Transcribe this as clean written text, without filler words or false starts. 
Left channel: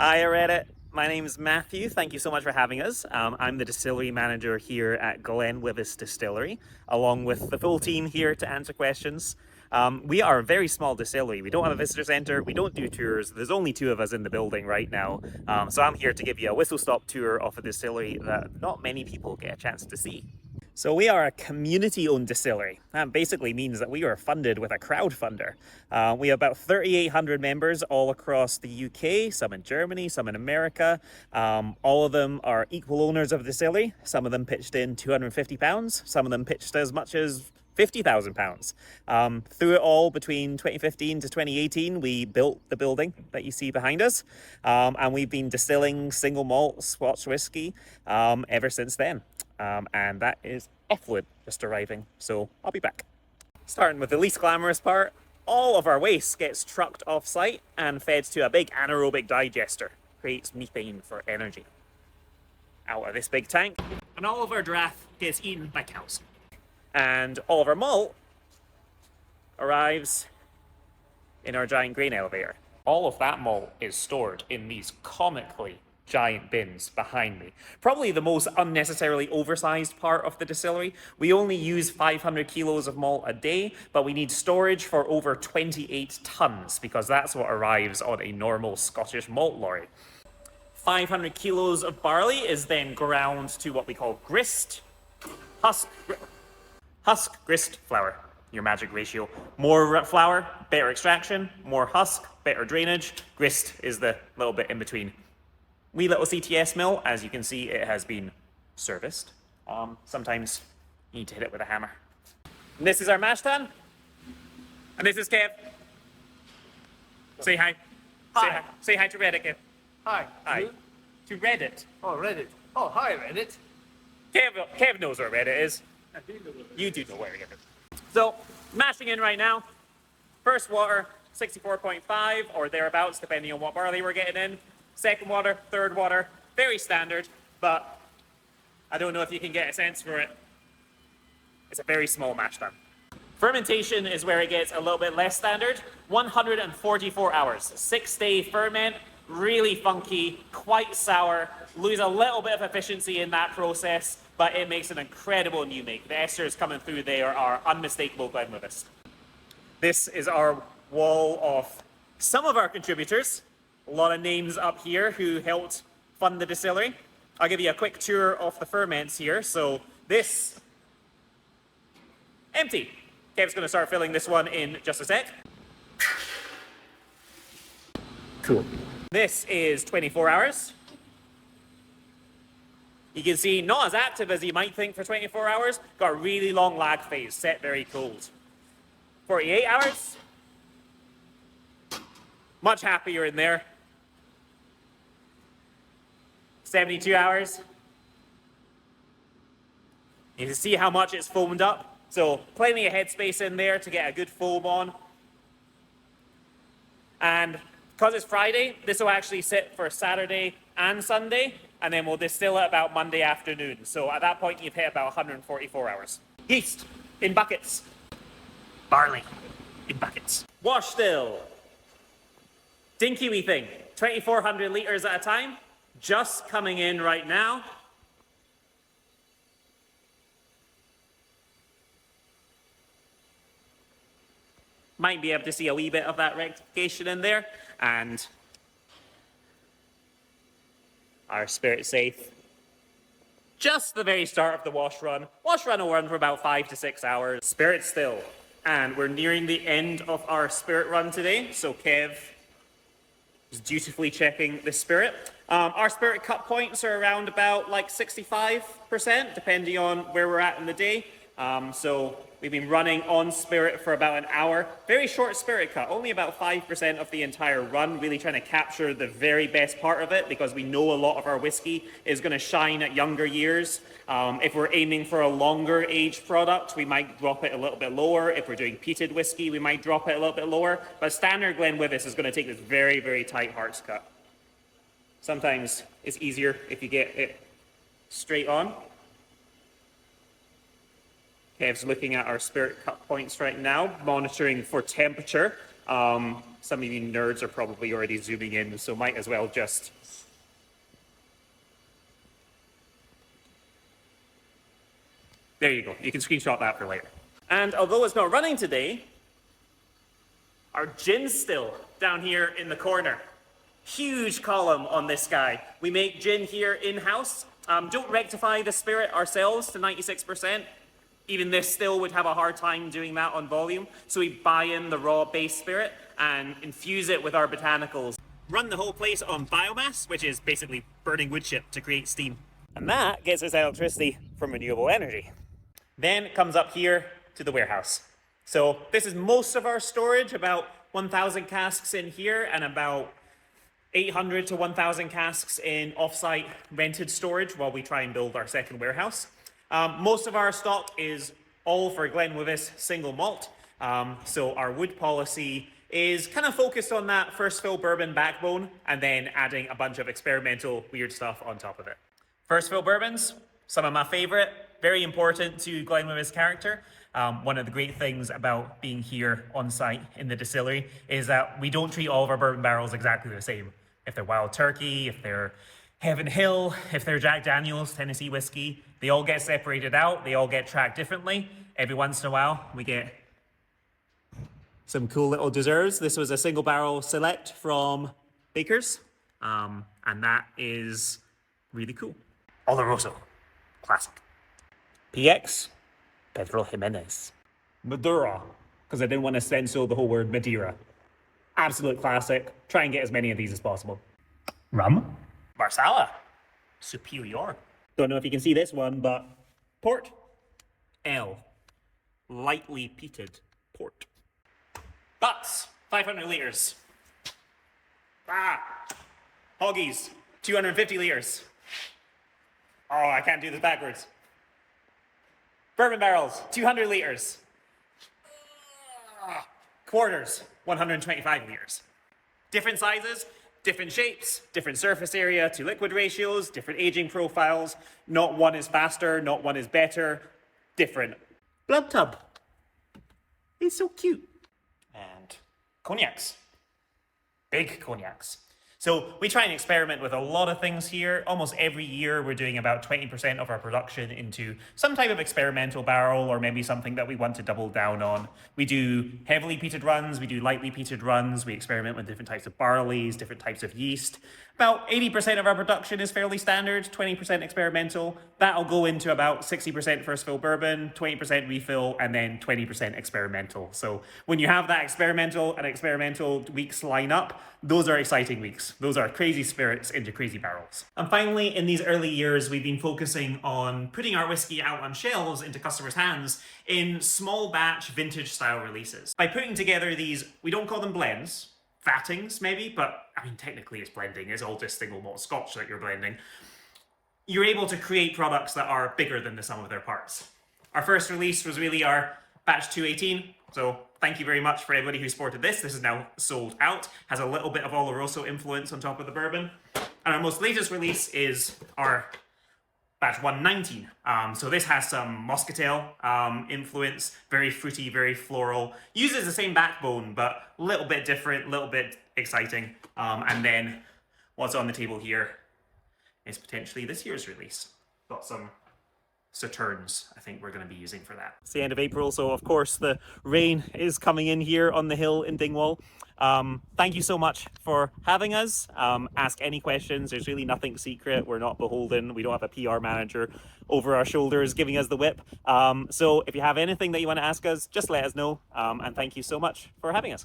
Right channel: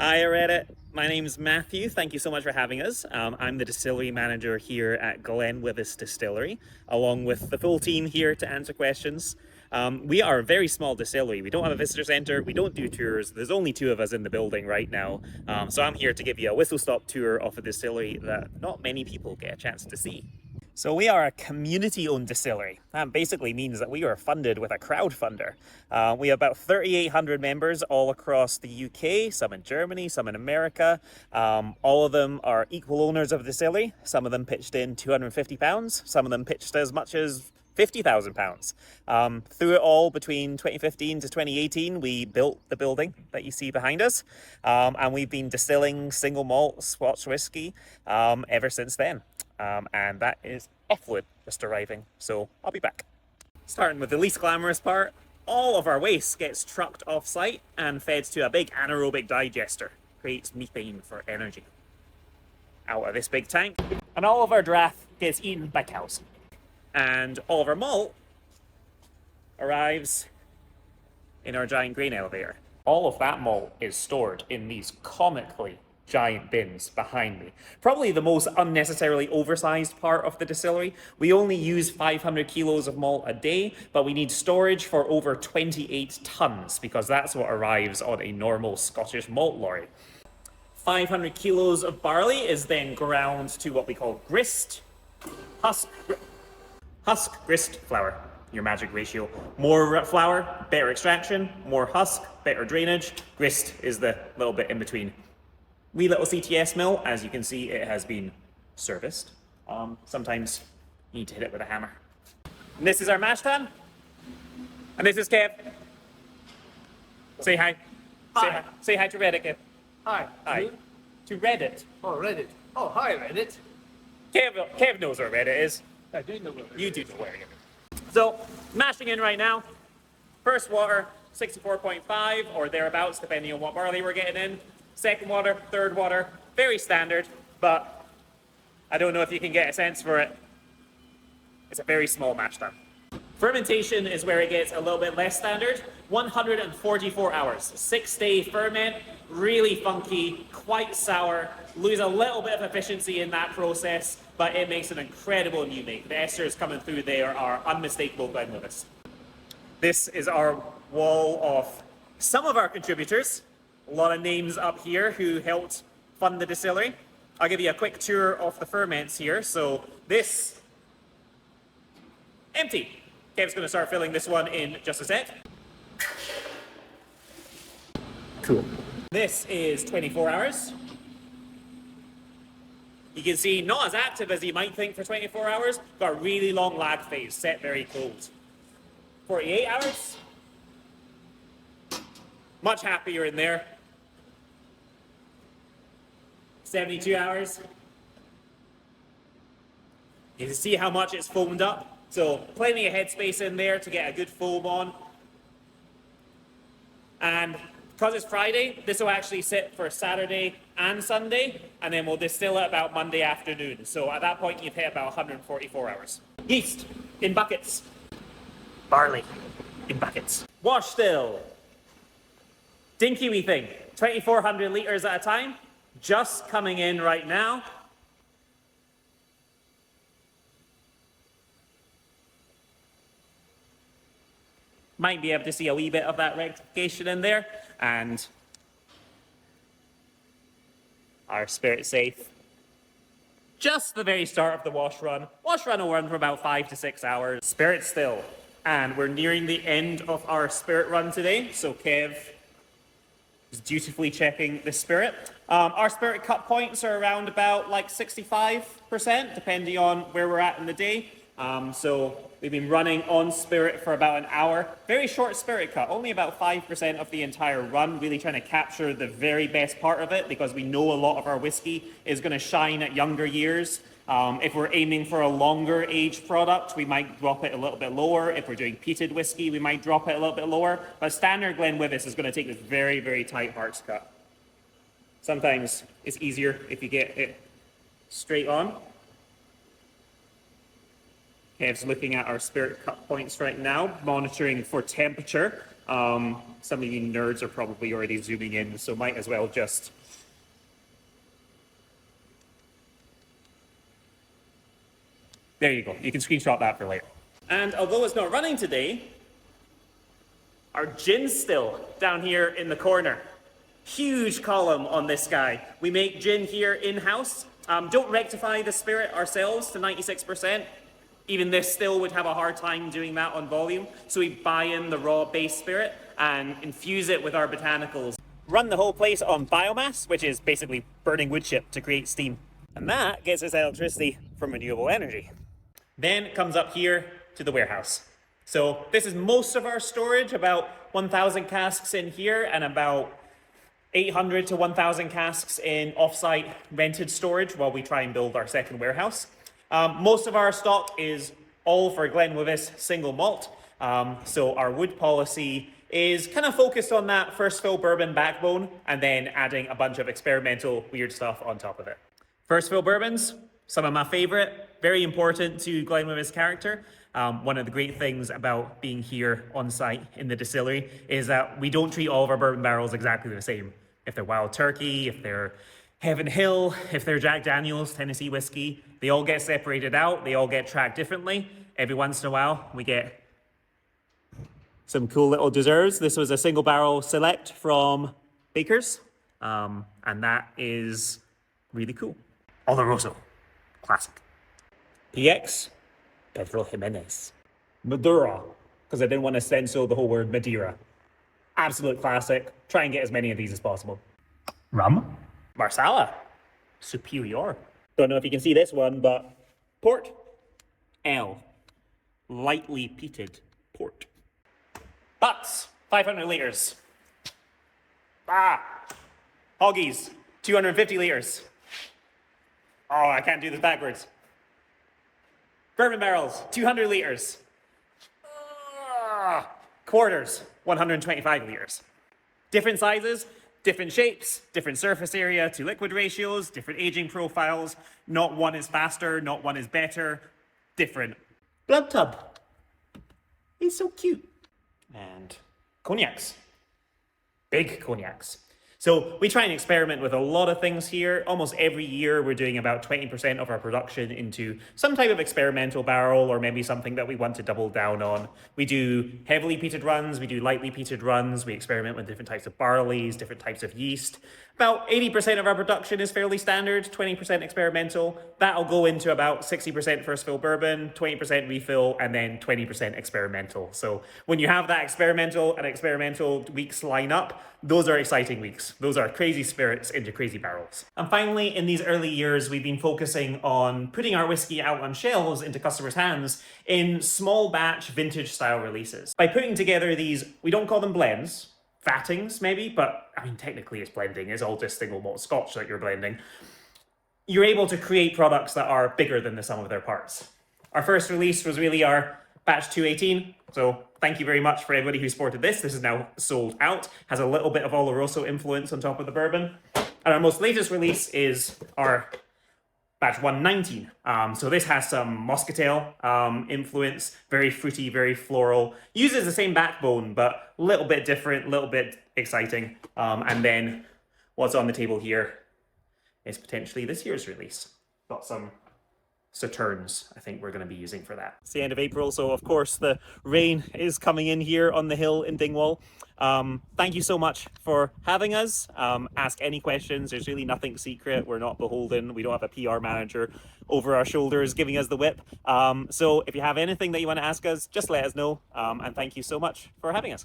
Hi, Reddit. My name's Matthew. Thank you so much for having us. I'm the distillery manager here at GlenWyvis Distillery, along with the full team here to answer questions. We are a very small distillery. We don't have a visitor center. We don't do tours. There's only two of us in the building right now. So I'm here to give you a whistle-stop tour of a distillery that not many people get a chance to see. So we are a community-owned distillery. That basically means that we are funded with a crowdfunder. We have about 3,800 members all across the UK, some in Germany, some in America. All of them are equal owners of the distillery. Some of them pitched in £250, some of them pitched as much as £50,000. Through it all, between 2015 to 2018, we built the building that you see behind us, and we've been distilling single malt Scotch whiskey ever since then. And that is effluent just arriving, so I'll be back. Starting with the least glamorous part, all of our waste gets trucked off-site and fed to a big anaerobic digester. Creates methane for energy. Out of this big tank, and all of our draff gets eaten by cows. And all of our malt arrives in our giant grain elevator. All of that malt is stored in these comically giant bins behind me. Probably the most unnecessarily oversized part of the distillery. We only use 500 kilos of malt a day, but we need storage for over 28 tons because that's what arrives on a normal Scottish malt lorry. 500 kilos of barley is then ground to what we call grist, husk, grist, flour, your magic ratio. More flour, better extraction, more husk, better drainage. Grist is the little bit in between. Wee little CTS mill, as you can see, it has been serviced. Sometimes you need to hit it with a hammer. And this is our mash tun. And this is Kev. Say hi. Hi. Say hi to Reddit, Kev. Hi. Hi. You? To Reddit. Oh, Reddit. Oh, hi, Reddit. Kev knows where Reddit is. I do know where You do know where it is. So, mashing in right now. First water, 64.5 or thereabouts, depending on what barley we're getting in. Second water, third water, very standard, but I don't know if you can get a sense for it. It's a very small mash tun. Fermentation is where it gets a little bit less standard. 144 hours, 6-day ferment, really funky, quite sour, lose a little bit of efficiency in that process, but it makes an incredible new make. The esters coming through there are unmistakable GlenWyvis. This is our wall of some of our contributors. A lot of names up here who helped fund the distillery. I'll give you a quick tour of the ferments here. So this, empty. Kev's going to start filling this one in just a sec. Cool. This is 24 hours. You can see not as active as you might think for 24 hours. Got a really long lag phase, set very cold. 48 hours. Much happier in there. 72 hours. You can see how much it's foamed up. So plenty of headspace in there to get a good foam on. And because it's Friday, this will actually sit for Saturday and Sunday, and then we'll distill it about Monday afternoon. So at that point, you've hit about 144 hours. Yeast in buckets. Barley in buckets. Wash still. Dinky wee thing. 2,400 litres at a time. Just coming in right now. Might be able to see a wee bit of that rectification in there. And our spirit safe. Just the very start of the wash run. Wash run will run for about 5 to 6 hours. Spirit still. And we're nearing the end of our spirit run today. So Kev is dutifully checking the spirit. Our spirit cut points are around about like 65%, depending on where we're at in the day. So we've been running on spirit for about an hour. Very short spirit cut, only about 5% of the entire run, really trying to capture the very best part of it because we know a lot of our whiskey is going to shine at younger years. If we're aiming for a longer age product, we might drop it a little bit lower. If we're doing peated whiskey, we might drop it a little bit lower. But standard GlenWyvis is going to take this very, very tight hearts cut. Sometimes it's easier if you get it straight on. Kev's looking at our spirit cut points right now, monitoring for temperature. Some of you nerds are probably already zooming in, so might as well just... There you go. You can screenshot that for later. And although it's not running today, our gin's still down here in the corner. Huge column on this guy. We make gin here in-house. Don't rectify the spirit ourselves to 96%. Even this still would have a hard time doing that on volume. So we buy in the raw base spirit and infuse it with our botanicals. Run the whole place on biomass, which is basically burning wood chip to create steam. And that gets us electricity from renewable energy. Then it comes up here to the warehouse. So this is most of our storage, about 1,000 casks in here and about 800 to 1,000 casks in offsite rented storage while we try and build our second warehouse. Most of our stock is all for GlenWyvis single malt. So our wood policy is kind of focused on that first fill bourbon backbone and then adding a bunch of experimental weird stuff on top of it. First fill bourbons, some of my favorite, very important to GlenWyvis character. One of the great things about being here on site in the distillery is that we don't treat all of our bourbon barrels exactly the same. If they're Wild Turkey, if they're Heaven Hill, if they're Jack Daniel's Tennessee whiskey, they all get separated out, they all get tracked differently. Every once in a while, we get some cool little desserts. This was a single barrel select from Baker's, and that is really cool. Oloroso, classic. PX, Pedro Jimenez. Madura, because I didn't want to censor the whole word Madeira. Absolute classic. Try and get as many of these as possible. Rum. Marsala. Superior. Don't know if you can see this one, but port. L. Lightly peated port. Butts. 500 litres. Hoggies. 250 litres. Oh, I can't do this backwards. Bourbon barrels. 200 litres. Quarters. 125 litres. Different sizes, different shapes, different surface area to liquid ratios, different aging profiles. Not one is faster, not one is better. Different. Blood tub. He's so cute. And cognacs. Big cognacs. So we try and experiment with a lot of things here. Almost every year we're doing about 20% of our production into some type of experimental barrel or maybe something that we want to double down on. We do heavily peated runs, we do lightly peated runs, we experiment with different types of barleys, different types of yeast. About 80% of our production is fairly standard, 20% experimental. That'll go into about 60% first fill bourbon, 20% refill, and then 20% experimental. So when you have that experimental and experimental weeks line up, those are exciting weeks. Those are crazy spirits into crazy barrels. And finally, in these early years, we've been focusing on putting our whiskey out on shelves into customers' hands in small batch vintage style releases. By putting together these, we don't call them blends, fattings maybe, but I mean technically it's blending, it's all just single malt scotch that you're blending. You're able to create products that are bigger than the sum of their parts. Our first release was really our batch 218, so thank you very much for everybody who supported this. This is now sold out, has a little bit of Oloroso influence on top of the bourbon. And our most latest release is our batch 119. So this has some Moscatel influence, very fruity, very floral. Uses the same backbone, but a little bit different, a little bit exciting. And then what's on the table here is potentially this year's release. Got some Sauternes, I think we're going to be using for that. It's the end of April, so of course the rain is coming in here on the hill in Dingwall. Thank you so much for having us. Ask any questions. There's really nothing secret. We're not beholden. We don't have a PR manager over our shoulders giving us the whip. So if you have anything that you want to ask us, just let us know. And thank you so much for having us.